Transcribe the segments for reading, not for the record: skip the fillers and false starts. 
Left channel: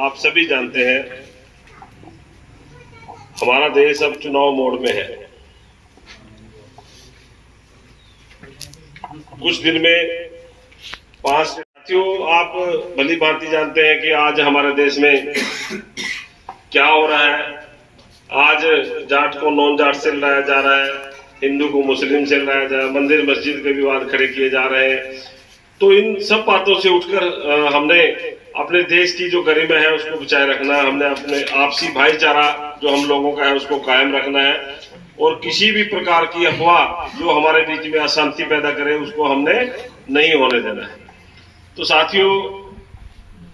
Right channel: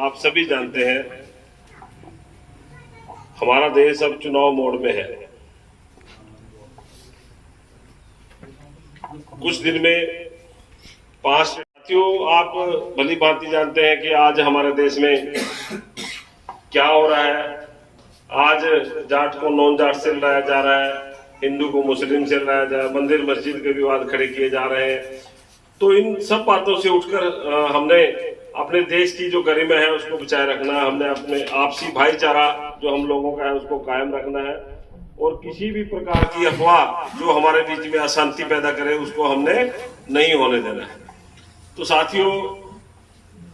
आप सभी जानते हैं हमारा देश अब चुनाव मोड में है। कुछ दिन में 5 साथियों, आप भली भांति जानते हैं कि आज हमारे देश में क्या हो रहा है। आज जाट को नॉन जाट से लड़ाया जा रहा है, हिंदू को मुस्लिम से लड़ाया जा रहा है, मंदिर मस्जिद के विवाद खड़े किए जा रहे हैं। तो इन सब बातों से उठकर हमने अपने देश की जो गरिमा है उसको बचाए रखना है। हमने अपने आपसी भाईचारा जो हम लोगों का है उसको कायम रखना है और किसी भी प्रकार की अफवाह जो हमारे बीच में अशांति पैदा करे उसको हमने नहीं होने देना है। तो साथियों,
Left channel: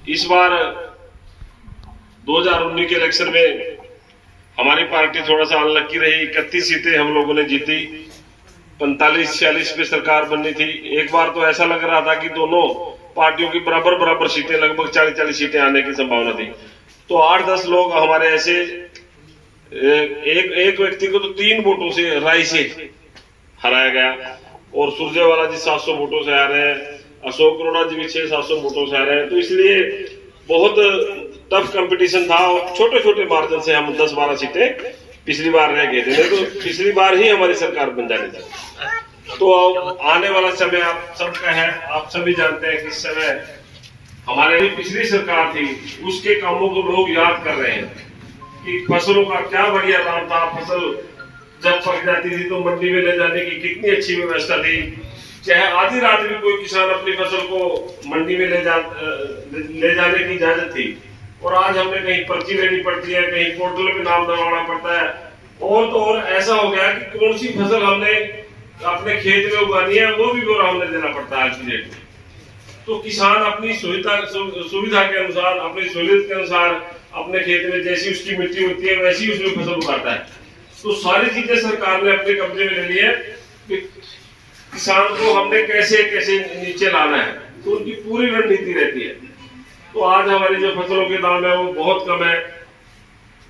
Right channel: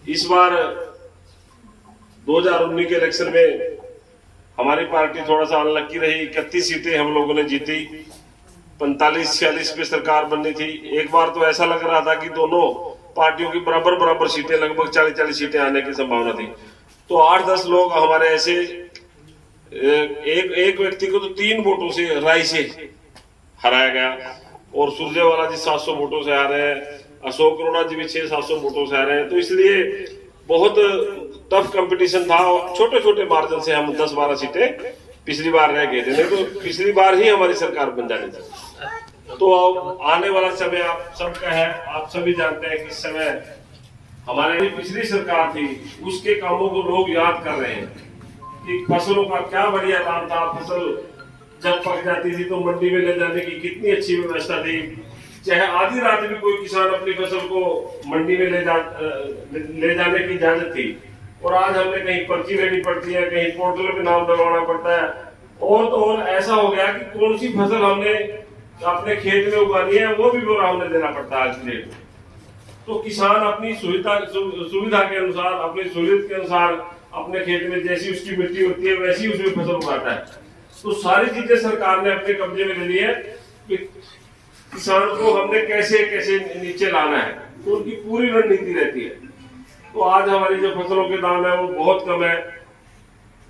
इस बार 2019 के इलेक्शन में हमारी पार्टी थोड़ा सा अनलक्की रही। 31 सीटें हम लोगों ने जीती, 45-46 पे सरकार बननी थी। एक बार तो ऐसा लग रहा था कि दोनों पार्टियों की बराबर सीटें, लगभग 40-40 सीटें आने की संभावना थी। तो 8-10 लोग हमारे ऐसे, एक व्यक्ति को तो 3 वोटों से राय से हराया गया और सुरजेवाला जी 700 वोटों से आ रहे हैं, अशोक अरोड़ा जी भी 600-700 वोटों से आ रहे हैं। तो इसलिए बहुत टफ कंपटीशन था और छोटे छोटे मार्जिन से हम 10-12 सीटें पिछली बार रह गए थे। नहीं तो पिछली बार ही हमारी सरकार बन जानी थी। तो आने वाला समय आप सबका है, आप सभी जानते हैं कि इस समय हमारे पिछली सरकार थी उसके कामों को लोग याद कर रहे हैं कि फसलों का क्या बढ़िया दाम था। फसल जब पक जाती थी तो मंडी में ले जाने की कितनी अच्छी व्यवस्था थी। चाहे आधी रात भी कोई किसान अपनी फसल को मंडी में ले जाने की इजाजत थी। और आज हमें कहीं पर्ची लेनी पड़ती है, कहीं पोर्टल पे नाम दबाना पड़ता है। और तो और ऐसा हो गया कि कौन सी फसल हमने अपने खेत में उगानी है वो भी बोरा हमने देना पड़ता है आज की डेट में। तो किसान अपनी सुविधा के अनुसार, अपनी सहूलियत के अनुसार अपने खेत में जैसी उसकी मिट्टी होती है वैसी उसमें फसल उगाता है। तो सारी चीजें सरकार ने अपने कब्जे में ले ली है कि किसान को हमने कैसे कैसे नीचे लाना है, तो उनकी पूरी रणनीति रहती है। तो आज हमारी जो फसलों के दाम है वो बहुत कम है।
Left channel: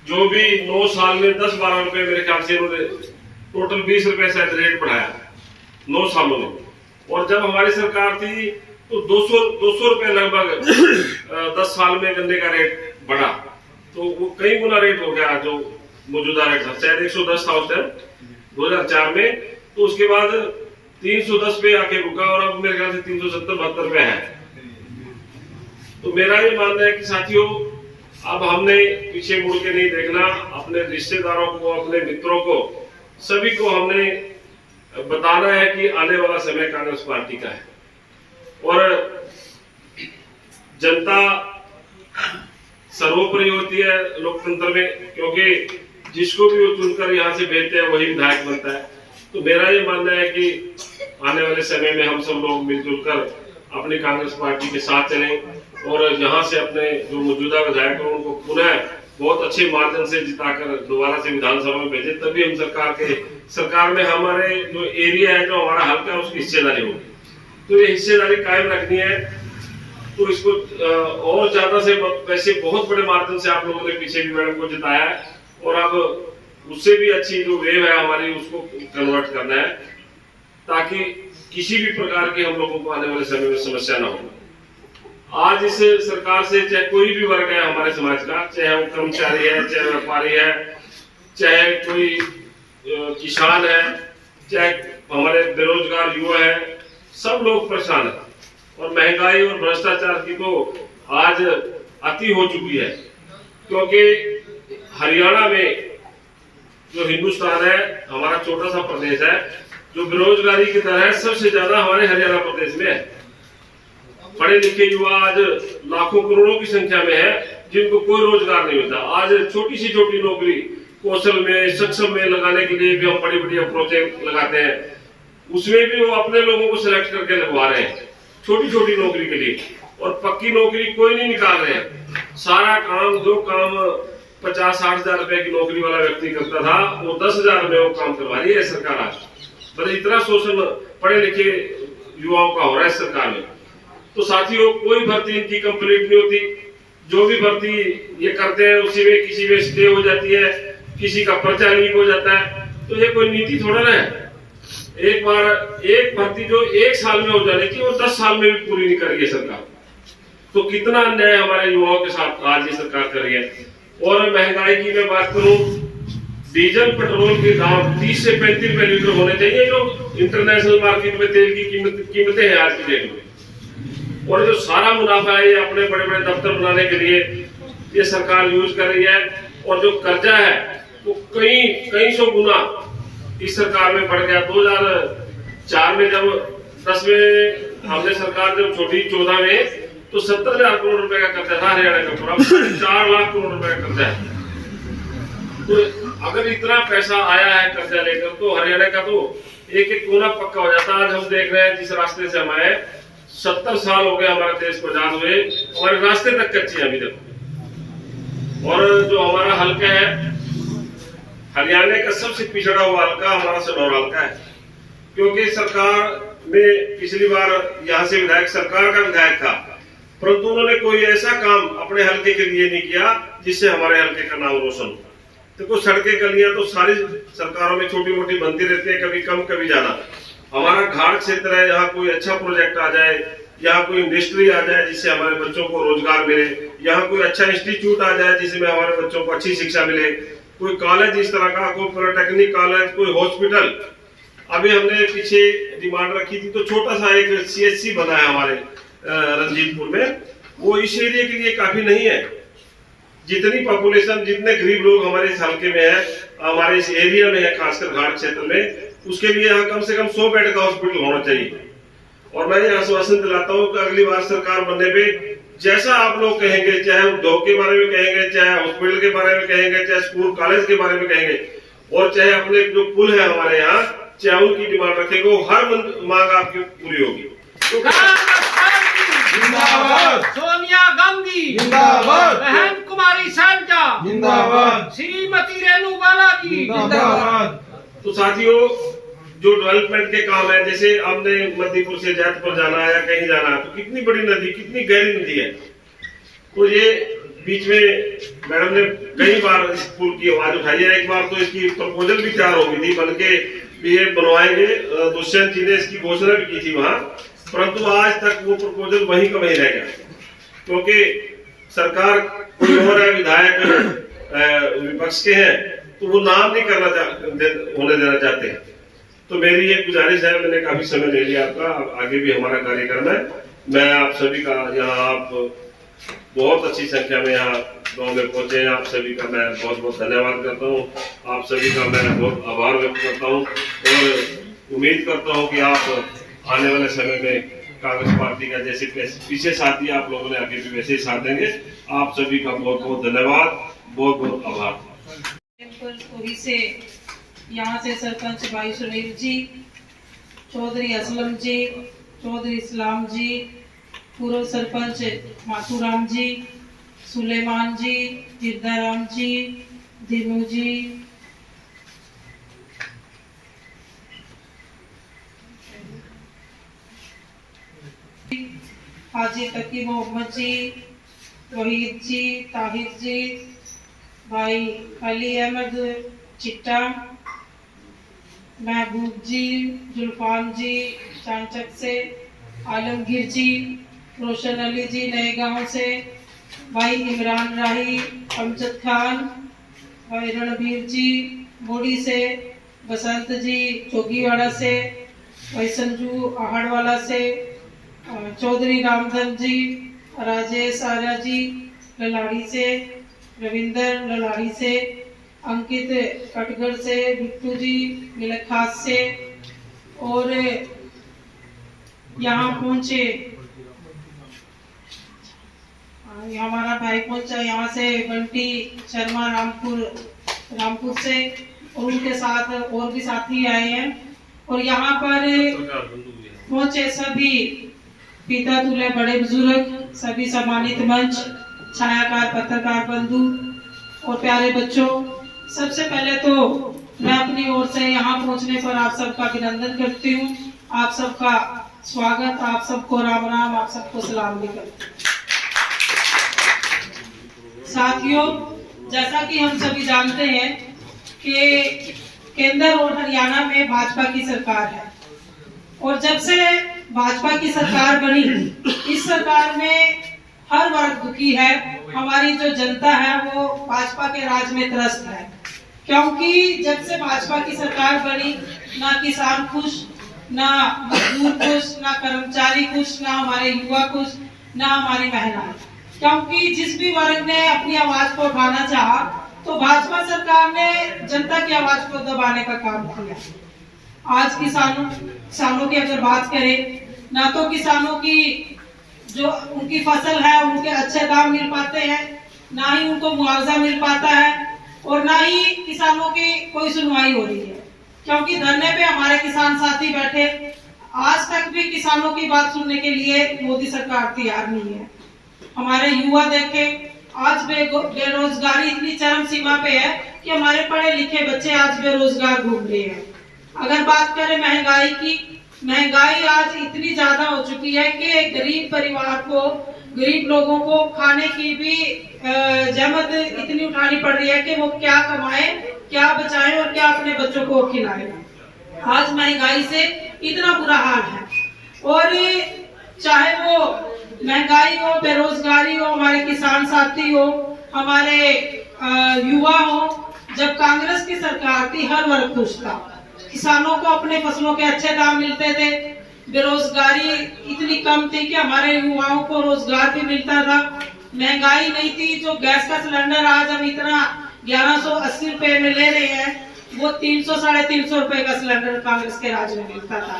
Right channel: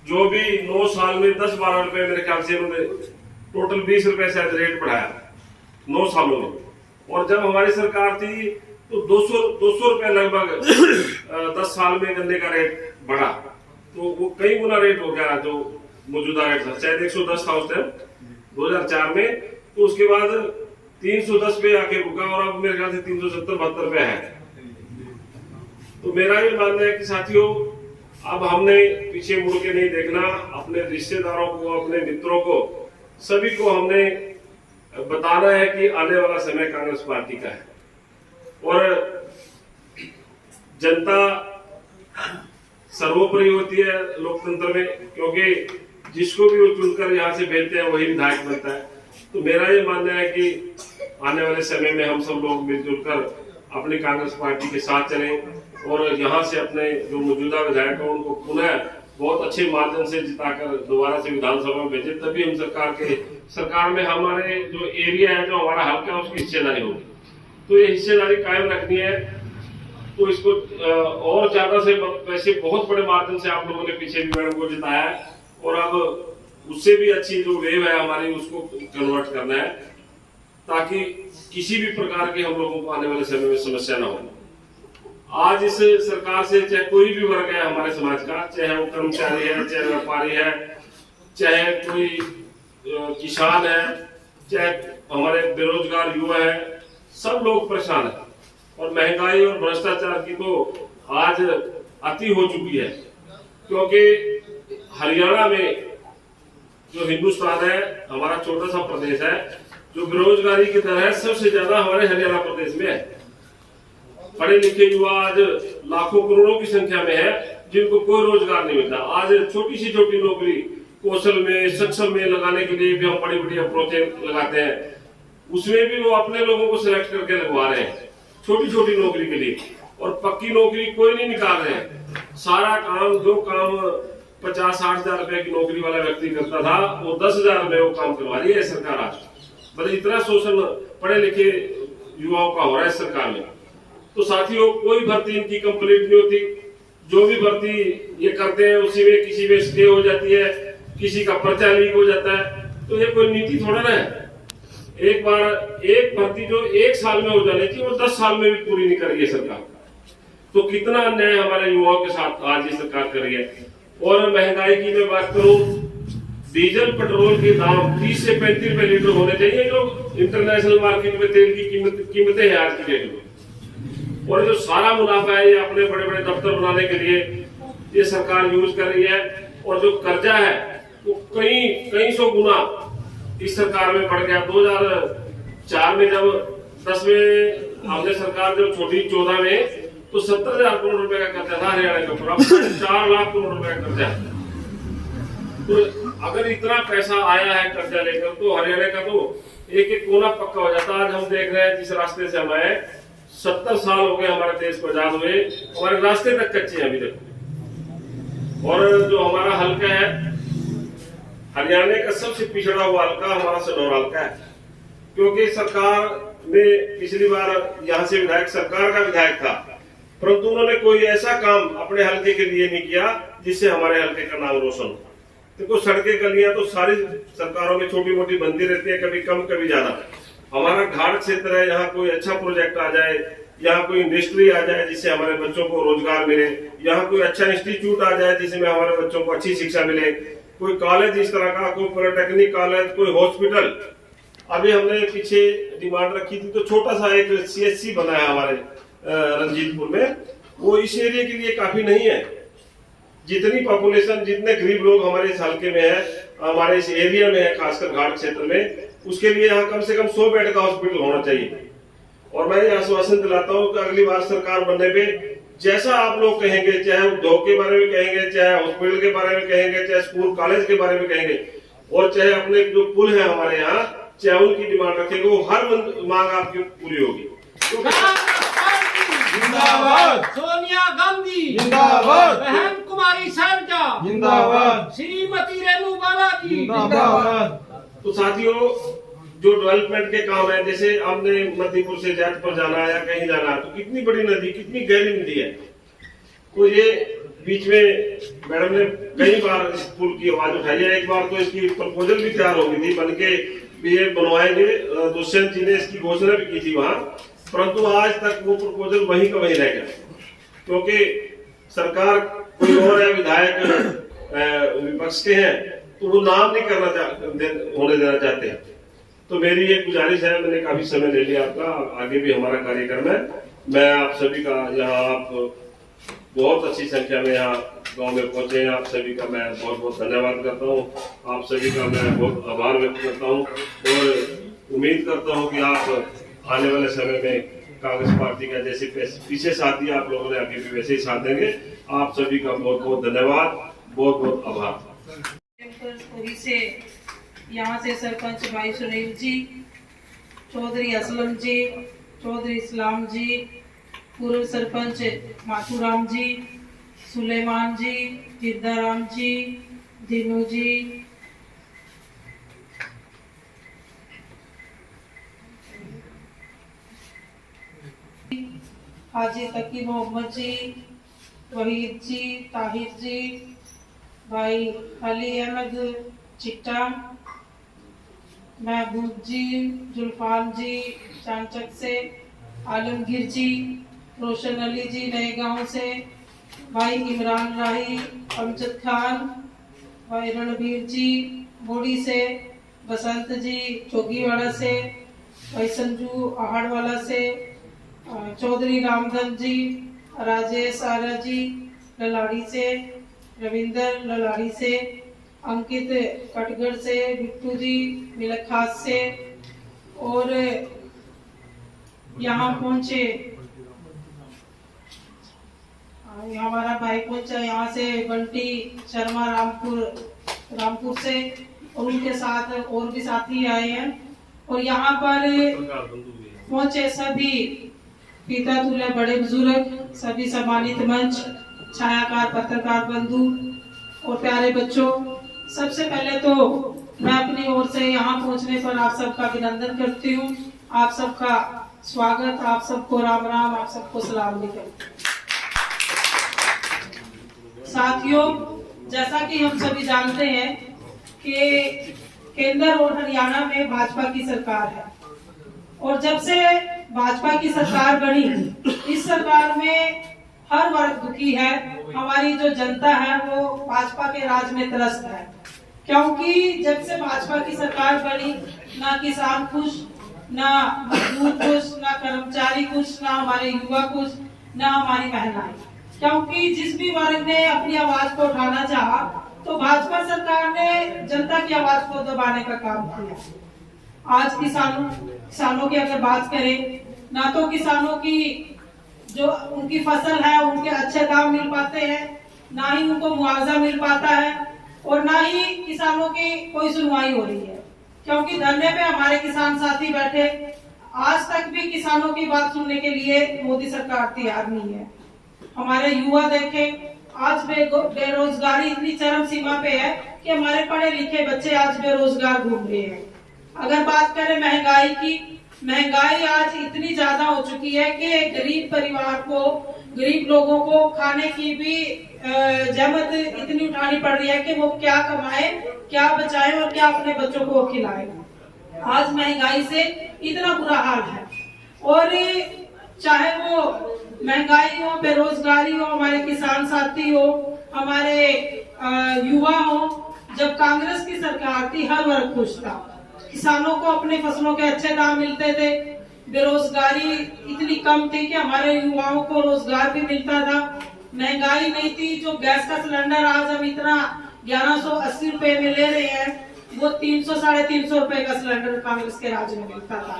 जो भी 9 साल में 10-12 रुपए मेरे ख्याल से उन्होंने टोटल 20 रुपए शायद रेट बढ़ाया 9 सालों में। और जब हमारी सरकार थी तो 200 रुपए लगभग 10 साल में गन्ने का रेट बढ़ा। तो वो कई गुना रेट हो गया जो मौजूदा रेट था। शायद 110 था उस टाइम 2004 में। तो उसके बाद 310 पे आके रुका और अब मेरे ख्याल से 370-72 पे है। तो मेरा ये मानना है कि साथियों, अब हमने पीछे मुड़ के नहीं देखना। अपने रिश्तेदारों को, अपने मित्रों को, सभी को हमने बताना है कि आने वाला समय कांग्रेस पार्टी का है और जनता सर्वोपरि होती है लोकतंत्र में, क्योंकि जिसको भी वो चुनकर यहाँ से भेजते हैं वही विधायक बनता है। तो मेरा ये मानना है कि आने वाले समय में हम सब लोग मिलजुल कर अपनी कांग्रेस पार्टी के साथ चलें और यहाँ से अपने जो मौजूदा विधायक हैं उनको पुनः बहुत अच्छे मार्जिन से जिताकर दोबारा से विधानसभा में भेजें। तभी हम सरकार में हमारे जो एरिया है, जो हमारा हल्का है, उसकी हिस्सेदारी होगी। तो ये हिस्सेदारी कायम रखनी है। तो इसको और ज्यादा से वैसे बहुत बड़े मार्जिन से आप लोगों ने पीछे भी मैडम को जिताया है और अब उससे भी अच्छी जो वेव है हमारी उसको कन्वर्ट करना है ताकि किसी भी प्रकार की हम लोगों को आने वाले समय में समस्या ना हो। आज इस सरकार से चाहे कोई भी वर्ग है हमारे समाज का, चाहे वो कर्मचारी है, चाहे व्यापारी है, चाहे कोई किसान है, चाहे हमारे बेरोजगार युवा है, सब लोग परेशान है। और महंगाई और भ्रष्टाचार की तो आज अति हो चुकी है, क्योंकि हरियाणा में जो हिंदुस्तान है, हमारा छोटा सा प्रदेश है, जो बेरोजगारी की दर है सबसे ज्यादा हमारे हरियाणा प्रदेश में है। पढ़े लिखे युवा आज लाखों करोड़ों की संख्या में है जिनको कोई रोजगार नहीं मिलता। आज छोटी सी छोटी नौकरी कौशल में, सक्षम में लगाने के लिए भी हम बड़ी बड़ी अप्रोचें लगाते हैं। उसमें भी वो अपने लोगों को सिलेक्ट करके लगवा रहे हैं छोटी छोटी नौकरी के लिए, और पक्की नौकरी कोई नहीं निकाल रहे हैं। सारा काम, जो काम 50-60 हजार रुपए की नौकरी वाला व्यक्ति करता था वो 10 हजार में वो काम करवा रही है सरकार आज। मतलब इतना शोषण पढ़े लिखे युवाओं का हो रहा है सरकार में। तो साथियों, कोई भर्ती इनकी कंप्लीट नहीं होती। जो भी भर्ती ये करते हैं उसी में किसी में स्टे हो जाती है, किसी का पर्चा लीक हो जाता है। तो ये कोई नीति थोड़ा ना है। एक बार एक भर्ती जो 1 साल में हो जाने की वो 10 साल में भी पूरी नहीं कर रही है सरकार। तो कितना अन्याय हमारे युवाओं के साथ राज्य सरकार कर रही है। और महंगाई की मैं बात करूं, डीजल पेट्रोल के दाम 30 से 35 रुपए लीटर होने चाहिए जो इंटरनेशनल मार्केट में तेल की कीमतें हैं आज की डेट में। और जो सारा मुनाफा है ये अपने बड़े बड़े दफ्तर बनाने के लिए ये सरकार यूज कर रही है। और जो कर्जा है वो कई सौ गुना इस सरकार में बढ़ गया। 2004 में जब 10 में हमने सरकार जब छोड़ी 14 में तो 70,000 करोड़ रुपए का कर्जा था हरियाणा का पूरा, 4 लाख करोड़ रुपए का कर्जा है। तो अगर इतना पैसा आया है कर्जा लेकर तो हरियाणा का तो एक एक कोना पक्का हो जाता। आज हम देख रहे हैं जिस रास्ते से हम आए 70 साल हो गए हमारे देश को आजाद हुए, हमारे रास्ते तक कच्चे हैं अभी तक। और जो हमारा हल्का है हरियाणा का सबसे पिछड़ा हुआ हल्का हमारा सनौर हल्का है, क्योंकि सरकार में पिछली बार यहाँ से विधायक सरकार का विधायक था, परंतु उन्होंने कोई ऐसा काम अपने हल्के के लिए नहीं किया जिससे हमारे हल्के का नाम रोशन हो। देखो सड़कें गलियां तो सारी सरकारों में छोटी मोटी बनती रहती है, कभी कम कभी ज्यादा। हमारा घाट क्षेत्र है, यहाँ कोई अच्छा प्रोजेक्ट आ जाए, यहाँ कोई इंडस्ट्री आ जाए जिससे हमारे बच्चों को रोजगार मिले, यहाँ कोई अच्छा इंस्टीट्यूट आ जाए जिसमें हमारे बच्चों को अच्छी शिक्षा मिले, कोई कॉलेज इस तरह का, कोई पॉलिटेक्निक कॉलेज, कोई हॉस्पिटल। अभी हमने पीछे डिमांड रखी थी तो छोटा सा एक CHC बना है हमारे रंजीतपुर में, वो इस एरिया के लिए काफी नहीं है। जितनी पॉपुलेशन, जितने गरीब लोग हमारे इस हल्के में है, हमारे इस एरिया में है, खासकर घाट क्षेत्र में, उसके लिए यहाँ कम से कम 100 बेड का हॉस्पिटल होना चाहिए। और मैं ये आश्वासन दिलाता हूँ कि अगली बार सरकार बनने पे जैसा आप लोग कहेंगे, चाहे उद्योग के बारे में कहेंगे, चाहे हॉस्पिटल के बारे में कहेंगे, चाहे स्कूल कॉलेज के बारे में कहेंगे, और चाहे अपने जो पुल है हमारे यहाँ, चाहे उनकी डिमांड रखेंगे, वो हर मांग आपकी पूरी होगी। जिंदाबाद सोनिया गांधी, जिंदाबाद बहन कुमारी सैलजा, जिंदाबाद श्रीमती रेणु बाला की, जिंदाबाद। तो साथियों, जो डेवलपमेंट के काम है, जैसे हमने मध्यपुर से जैतपुर जाना है या कहीं जाना है, तो कितनी बड़ी नदी, कितनी गहरी नदी है। तो ये बीच में मैडम ने कई बार इस पुल की आवाज उठाई है। एक बार तो इसकी प्रपोजल भी तैयार हो गई थी, बन के ये बनवाएंगे, दुष्यंत जी ने इसकी घोषणा भी की थी वहां, परंतु आज तक वो प्रपोजल वहीं का वहीं रह गया, क्योंकि सरकार कोई और है, विधायक विपक्ष के हैं, तो वो नाम नहीं होने देना चाहते हैं। तो मेरी ये गुजारिश है, मैंने काफी समय ले लिया आपका, आगे भी हमारा कार्यक्रम है। मैं आप सभी का, यहाँ आप बहुत अच्छी संख्या में यहाँ गांव में पहुंचे हैं, आप सभी का मैं बहुत बहुत धन्यवाद करता हूँ। आप सभी का मैं बहुत आभार व्यक्त करता हूँ और उम्मीद करता हूँ कि आप आने वाले समय में कांग्रेस पार्टी का जैसे पीछे साथ दिया आप लोगों ने, आगे भी वैसे ही साथ देंगे। आप सभी का बहुत बहुत धन्यवाद, बहुत बहुत आभार। यहाँ से सरपंच भाई सुनील जी, चौधरी असलम जी, चौधरी इस्लाम जी, पूर्व सरपंच माथुराम जी, सुलेमान जी, जिद्दाराम जी, दिनू जी, हाजी तकी मोहम्मद जी, वहीद जी, ताहिर जी, भाई अली अहमद चिट्टा, महबूब जी, जुल्फान जी चांचक से, आलमगीर जी, रोशन अली जी नए गांव से, भाई इमरान राही, अमजद खान, भाई रणबीर जी बोड़ी से, बसंत जी चौकीवाड़ा से, भाई संजू आहड़वाला से, चौधरी रामधन जी, राजेश आर्या जी ललाड़ी से, रविंदर ललाड़ी से, अंकित कटगढ़ से, बिट्टू जी मिलखास से, और यहाँ पहुंचे हमारा भाई पहुंचा यहाँ से बंटी शर्मा रामपुर से, और उनके साथ और भी साथी आए हैं। और यहाँ पर पहुंचे सभी पिता तुल्य बड़े बुजुर्ग, सभी सम्मानित मंच, छायाकार, पत्रकार बंधु और प्यारे बच्चों, सबसे पहले तो मैं अपनी ओर से यहाँ पहुँचने पर आप सबका अभिनंदन करती हूँ। आप सबका स्वागत, आप सबको राम राम, आप सबको सलाम भी करती हूँ। साथियों, जैसा कि हम सभी जानते हैं कि केंद्र और हरियाणा में भाजपा की सरकार है, और जब से भाजपा की सरकार बनी, इस सरकार में हर वर्ग दुखी है। हमारी जो जनता है वो भाजपा के राज में त्रस्त है, क्योंकि जब से भाजपा की सरकार बनी, ना किसान खुश, ना मजदूर खुश, ना कर्मचारी खुश, ना हमारे युवा खुश, ना हमारी महिलाएं। क्योंकि जिस भी वर्ग ने अपनी आवाज को उठाना चाहा, तो भाजपा सरकार ने जनता की आवाज को दबाने का काम किया। आज किसानों की अगर बात करें, ना तो किसानों की जो उनकी फसल है उनके अच्छे दाम मिल पाते हैं, ना ही उनको मुआवजा मिल पाता है, और ना ही किसानों की कोई सुनवाई हो रही है। क्योंकि धरने पे हमारे किसान साथी बैठे, आज तक भी किसानों की बात सुनने के लिए मोदी सरकार तैयार नहीं है। हमारे युवा देखें, आज बेरोजगारी इतनी चरम सीमा पे है कि हमारे पढ़े लिखे बच्चे आज बेरोजगार घूम रहे हैं। अगर बात करें महंगाई की, महंगाई आज इतनी ज्यादा हो चुकी है कि गरीब परिवार को, गरीब लोगों को खाने की भी जहमत इतनी उठानी पड़ रही है कि वो क्या कमाए, क्या बचाए और क्या अपने बच्चों को खिलाए। आज महंगाई से इतना बुरा हाल है, और चाहे वो महंगाई हो, बेरोजगारी हो, हमारे किसान साथी हो, हमारे युवा हो, जब कांग्रेस की सरकार थी हर वर्ग खुश था। किसानों को अपने फसलों के अच्छे दाम मिलते थे, बेरोजगारी इतनी कम थी कि हमारे युवाओं को रोजगार भी मिलता था, महंगाई नहीं थी। जो गैस का सिलेंडर आज हम इतना 1180 रुपए में ले रहे हैं, वो 300 साढ़े 300 रुपए का सिलेंडर कांग्रेस के राज में मिलता था।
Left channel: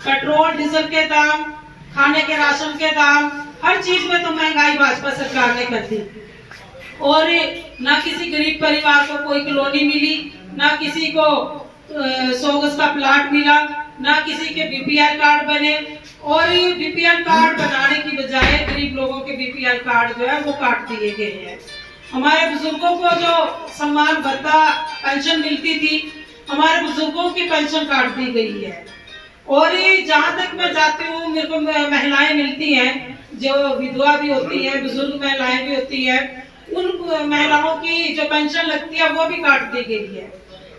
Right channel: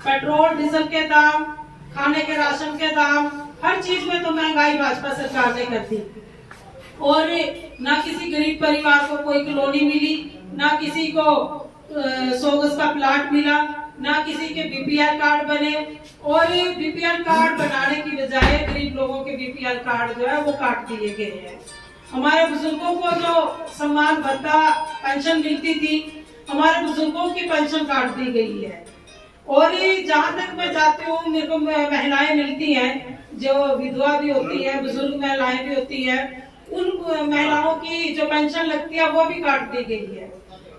पेट्रोल डीजल के दाम, खाने के राशन के दाम, हर चीज में तो महंगाई भाजपा सरकार ने कर दी। और ना किसी गरीब परिवार को कोई कॉलोनी मिली, ना किसी को 100 गज का प्लाट मिला, ना किसी के बीपीएल कार्ड बने, और बीपीएल कार्ड बनाने की बजाय गरीब लोगों के बीपीएल कार्ड जो है वो काट दिए गए हैं। हमारे बुजुर्गों को जो सम्मान भत्ता पेंशन मिलती थी, हमारे बुजुर्गों की पेंशन काट दी गई है। और जहाँ तक मैं जाती हूँ, मेरे को महिलाएं मिलती हैं जो विधवा भी होती है, बुजुर्ग महिलाएं भी होती है, उन महिलाओं की जो पेंशन लगती है वो भी काट दी गई है।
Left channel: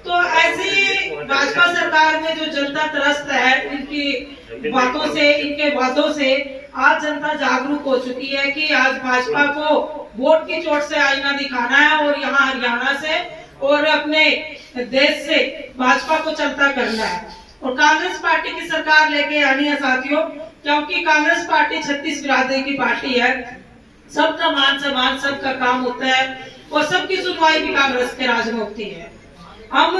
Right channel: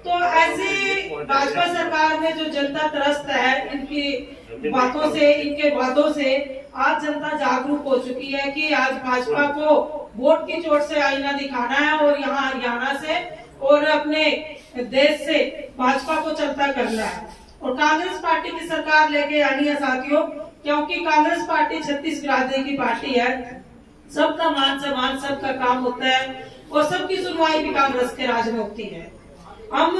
तो ऐसी भाजपा सरकार में जो जनता त्रस्त है, इनकी बातों से, इनके वादों से आज जनता जागरूक हो चुकी है कि आज भाजपा को वोट की चोट से आईना दिखाना है, और यहाँ हरियाणा से और अपने देश से भाजपा को चलता करना है, और कांग्रेस पार्टी की सरकार लेके आनी है साथियों। क्योंकि कांग्रेस पार्टी 36 बिरादरी की पार्टी है, सबका मान सम्मान, सबका काम होता है, और सबकी सुनवाई भी कांग्रेस के राज में होती है। हम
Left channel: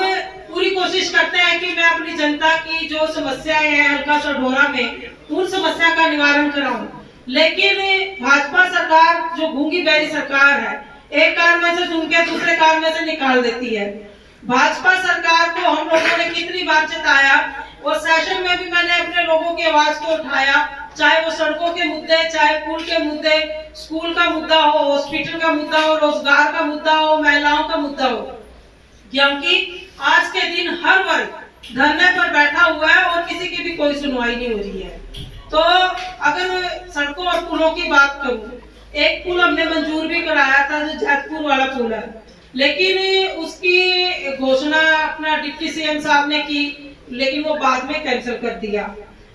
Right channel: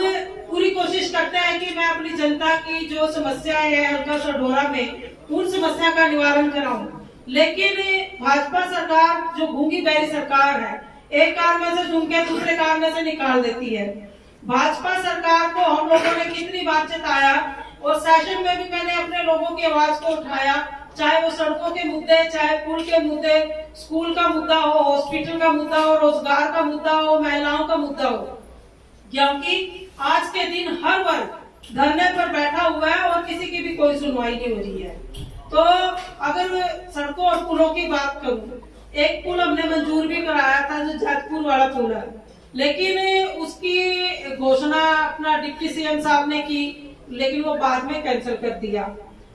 पूरी कोशिश करते हैं कि मैं अपनी जनता की जो समस्याएं हैं हल्का सढौरा में, उन समस्या का निवारण कराऊं। लेकिन भाजपा सरकार जो गूंगी बहरी सरकार है, एक कान में से सुन के दूसरे कान में से निकाल देती है। भाजपा सरकार को हम लोगों ने कितनी बार चेताया, और सेशन में भी मैंने अपने लोगों की आवाज को उठाया, चाहे वो सड़कों के मुद्दे, चाहे पुल के मुद्दे, स्कूल का मुद्दा हो, हॉस्पिटल का मुद्दा हो, रोजगार का मुद्दा हो, महिलाओं का मुद्दा हो। क्योंकि आज के दिन हर वर्ग धरने पर बैठा हुआ है और किसी की भी कोई सुनवाई नहीं हो रही है। तो अगर सड़कों और पुलों की बात करूं, एक पुल हमने मंजूर भी कराया था जो जैतपुर वाला पुल है, लेकिन उसकी घोषणा अपना डिप्टी सीएम साहब ने की, लेकिन वो बाद में कैंसिल कर दिया।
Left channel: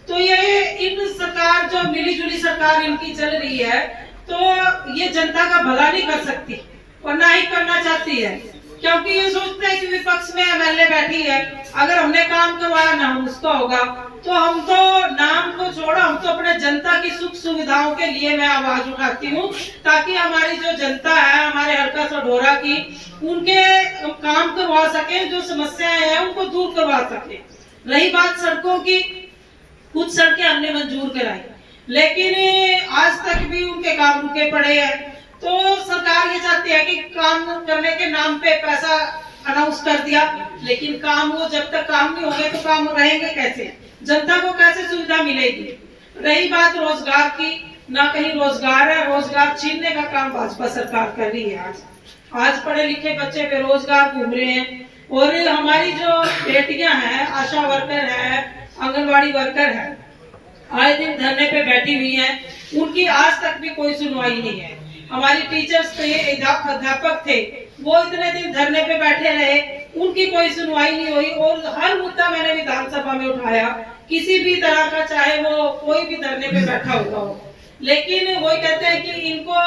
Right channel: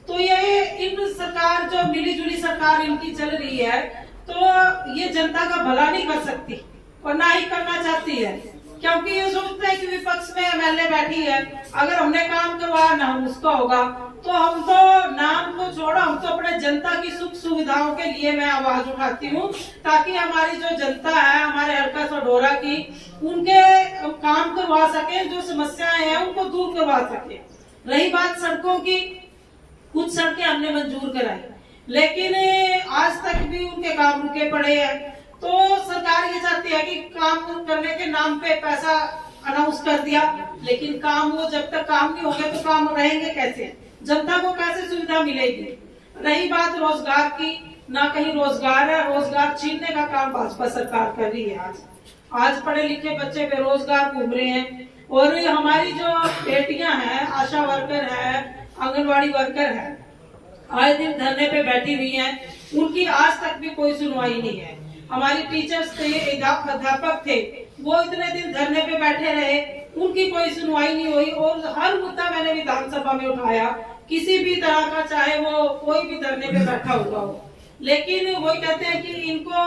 तो ये इन सरकार जो मिली जुली सरकार इनकी चल रही है, तो ये जनता का भला नहीं कर सकती और ना ही करना चाहती है। क्योंकि ये सोचते हैं कि विपक्ष में एमएलए बैठी है, अगर हमने काम करवाया ना उसका होगा, तो हम तो नाम को छोड़ो, हम तो अपने जनता की सुख सुविधाओं के लिए मैं आवाज उठाती हूँ, ताकि हमारी जो जनता है हमारे हल्का सढौरा की, उनके काम करवा सके, जो समस्याएं हैं उनको दूर करवा सके। रही बात सड़कों की, कुछ सड़कें हमने मंजूर कराई, लेकिन आज तक भी उनके काम रुके पड़े हैं। तो सरकार ये चाहती है कि काम करने के नाम पे पैसा अनाउंस कर दिया, लेकिन काम वो जब तक काम नहीं होंगे तो काम रहेंगे कैसे, जनता को कैसे सुविधा मिलेगी। रही बात रोजगार की, ना कहीं रोजगार है, रोजगार छीनने का काम भाजपा सरकार कर रही है। आज पढ़े लिखे बच्चे बेरोजगार घूम रहे हैं, और हमारी जो बेटियां हैं, आशा वर्कर है, आंगनबाड़ी वर्कर है, आए दिन धरने पे बैठी हुई हैं, उनकी आज तक भी कोई सुनवाई नहीं है। हमारी टीचर्स थे, अध्यापक थे, वो इतने दिन धरने पे बैठे रहे, उनकी कोई सुनवाई नहीं हुई। और हर मुद्दा मैंने विधानसभा में उठाया, किसी भी तरह का, चाहे वो कोई भी धरने पे बैठा हुआ हो, लेकिन वही कहते हैं कि इनको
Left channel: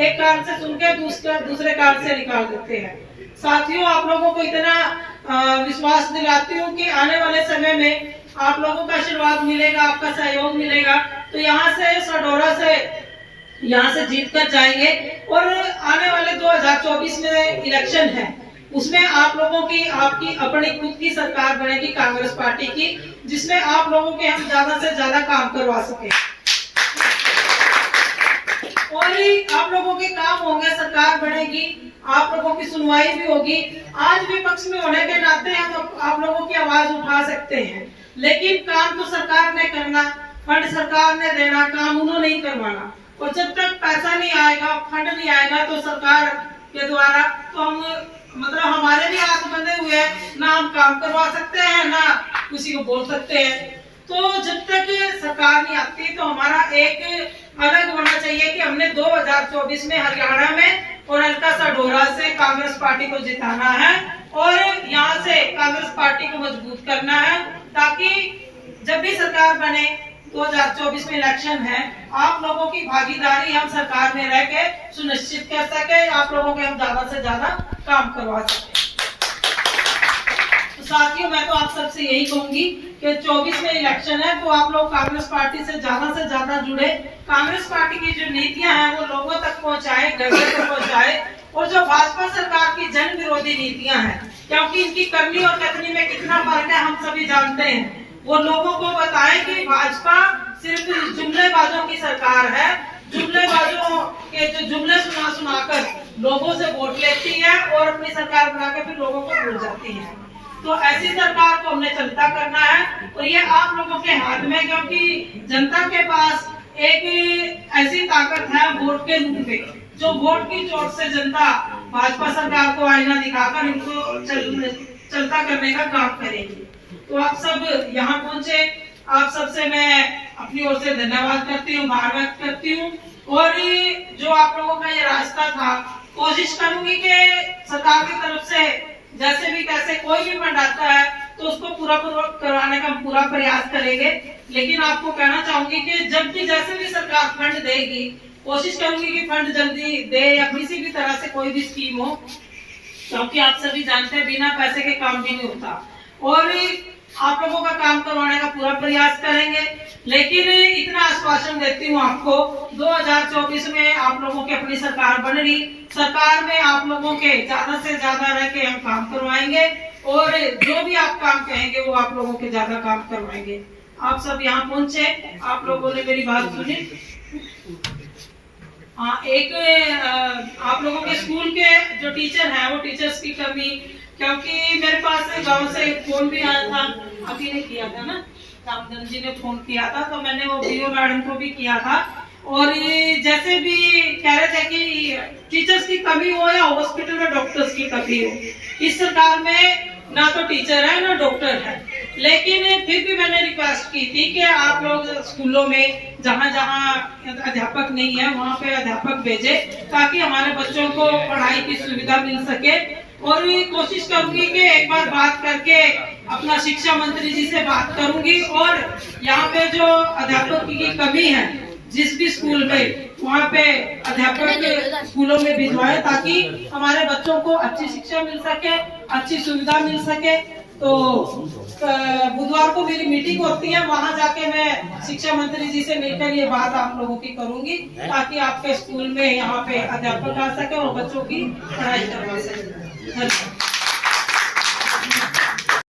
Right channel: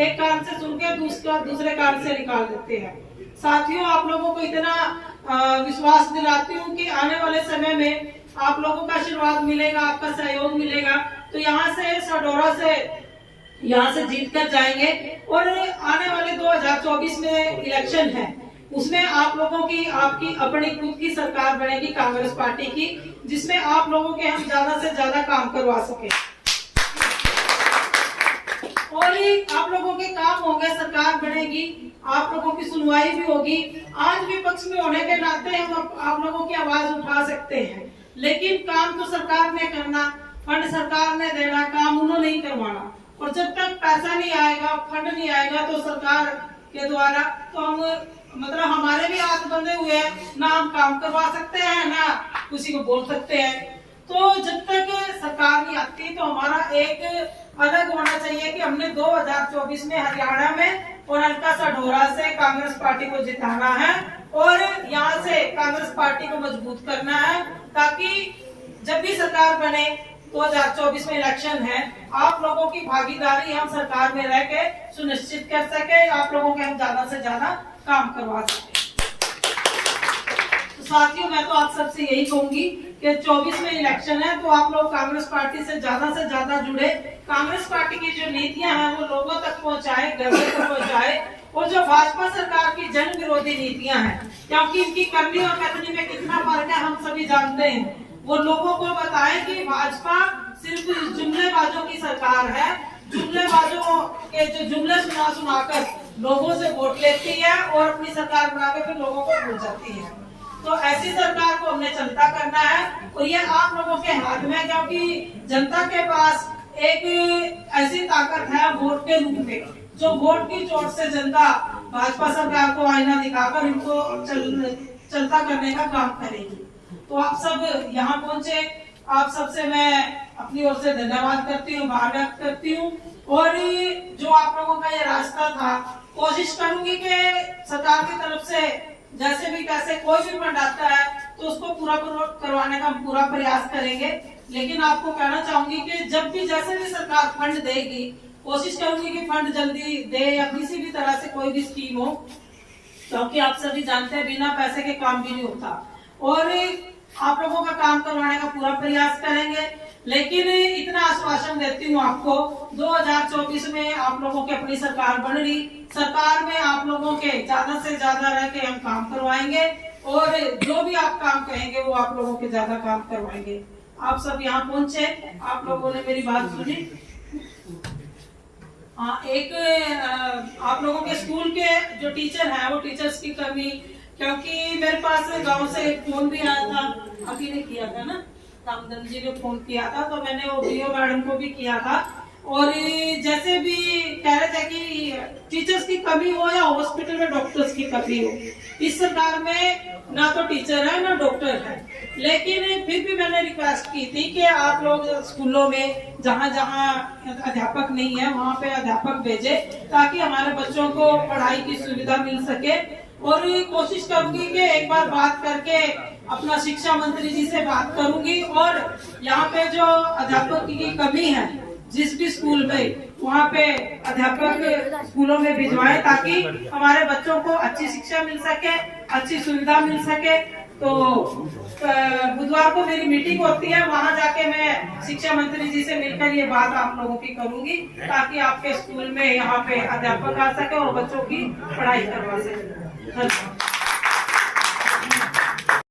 एक कान से सुन के दूसरे कान से निकाल देते हैं। साथियों, आप लोगों को इतना विश्वास दिलाती हूँ कि आने वाले समय में आप लोगों का आशीर्वाद मिलेगा, आपका सहयोग मिलेगा, तो यहाँ से सडोरा से यहाँ से जीत कर जाएंगे। और आने वाले 2024 में इलेक्शन है, उसमें आप लोगों की आपकी अपनी खुद की सरकार बनेगी कांग्रेस पार्टी की, जिसमें आप लोगों के हम ज्यादा से ज्यादा काम करवा सके और आप लोगों के काम होंगे, सरकार बनेगी, आप लोगों की सुनवाई भी होगी। आज विपक्ष में होने के नाते हम आप लोगों की आवाज उठा सकते हैं, लेकिन काम तो सरकार ने करना, फंड सरकार ने देना, काम उन्होंने नहीं करवाना। और जब तक पैसा नहीं आएगा, फंड नहीं आएगा, तो सरकार के द्वारा तो हम मतलब हमारे भी हाथ बंधे हुए हैं, ना हम काम करवा सकते हैं, ना किसी को बोल सकते हैं। तो जब तक सरकार नहीं आती तो हमारा एक अलग होना चाहिए कि हमने 2024 में हरियाणा में और हल्का सडोरा से कांग्रेस पार्टी को जिताना है और यहाँ से कांग्रेस पार्टी को मजबूत करना है, ताकि जब भी सरकार बने 2024 में इलेक्शन है, आप लोगों की भागीदारी हम सरकार में रह के सुनिश्चित कर सके, आप लोगों के हम ज्यादा से ज्यादा काम करवा सके। तो साथियों, मैं तो आप सबसे यही कहूंगी कि 24 में इलेक्शन है, तो आप लोग कांग्रेस पार्टी से ज्यादा जुड़े, कांग्रेस पार्टी की जो नीतियां हैं वो लोगों तक पहुंचाए, घर तक पहुंचाए। और जो भाजपा सरकार की जन विरोधी नीतियां हैं, क्योंकि इनकी करनी और कथनी में कितना फर्क है हम सभी जानते हैं, वो लोगों को बताएं कि भाजपा सिर्फ जुमलेबाजों की सरकार है, जुमलेबाजों के जो जुमले सुनाकर लोगों से वोट लेती है और अपनी सरकार बना के फिर लोगों को भूल जाती है। तो ऐसी सरकार को हमने चलता करना है और ये आप लोगों के हाथ में, क्योंकि जनता के पास एक ऐसी ताकत है वोट के रूप में, जो वोट की चोट से जनता भाजपा सरकार को आईना दिखाकर इनको चलता करने का काम करेगी। तो आप सब यहाँ पहुंचे, आप सबसे मैं अपनी ओर से धन्यवाद करती हूँ, आभार व्यक्त करती हूँ। और जो आप लोगों का ये रास्ता था, कोशिश करूंगी कि सरकार की तरफ से जैसे भी कैसे कोई भी फंड आता है तो उसको पूरा करवाने का पूरा प्रयास करेंगे। लेकिन आपको कहना चाहूंगी कि जब भी जैसे भी सरकार फंड देगी, कोशिश करूंगी कि फंड जल्दी दे या किसी भी तरह से कोई भी स्कीम हो, क्योंकि आप सभी जानते हैं बिना पैसे के काम भी नहीं होता। और आप लोगों का काम करवाने का पूरा प्रयास करेंगे। लेकिन इतना आश्वासन देती हूँ आपको, 2024 में आप लोगों की अपनी सरकार बन रही, सरकार में आप लोगों के ज्यादा से ज्यादा रह के हम काम करवाएंगे और जो भी आप काम कहेंगे वो आप लोगों के ज्यादा काम करवाएंगे। आप सब यहाँ पहुंचे, आप लोगों ने मेरी बात सुनी। एक आप लोगों के स्कूल के जो टीचर हैं, वो टीचर्स की कमी, क्योंकि मेरे पास गांव से फोन भी आया था, अभी ने किया था ना, रामधन जी ने फोन किया था, तो मैंने वो बीओ मैडम को भी किया था। और जैसे भी कह रहे थे कि टीचर्स की कमी हो या हॉस्पिटल में डॉक्टर्स की कमी हो, इस सरकार में ना तो टीचर है ना डॉक्टर है। लेकिन फिर भी मैंने रिक्वेस्ट की थी कि आप लोग स्कूलों में जहाँ जहाँ अध्यापक नहीं है वहाँ पे अध्यापक भेजे, ताकि हमारे बच्चों को पढ़ाई की सुविधा मिल सके। और कोशिश करूंगी कि एक बार बात करके अपना शिक्षा मंत्री जी से बात करूंगी और यहाँ पे जो अध्यापक की कमी है जिस भी स्कूल में, वहाँ पे अध्यापक स्कूलों में भिजवाएं, ताकि हमारे बच्चों को अच्छी शिक्षा मिल सके, अच्छी सुविधा मिल सके। तो बुधवार को मेरी मीटिंग होती है, वहाँ जाके मैं शिक्षा मंत्री जी से मिलकर ये बात आप लोगों की करूंगी, ताकि आपके स्कूल में यहाँ पे अध्यापक आ सके और बच्चों की पढ़ाई करवा सके। धन्यवाद।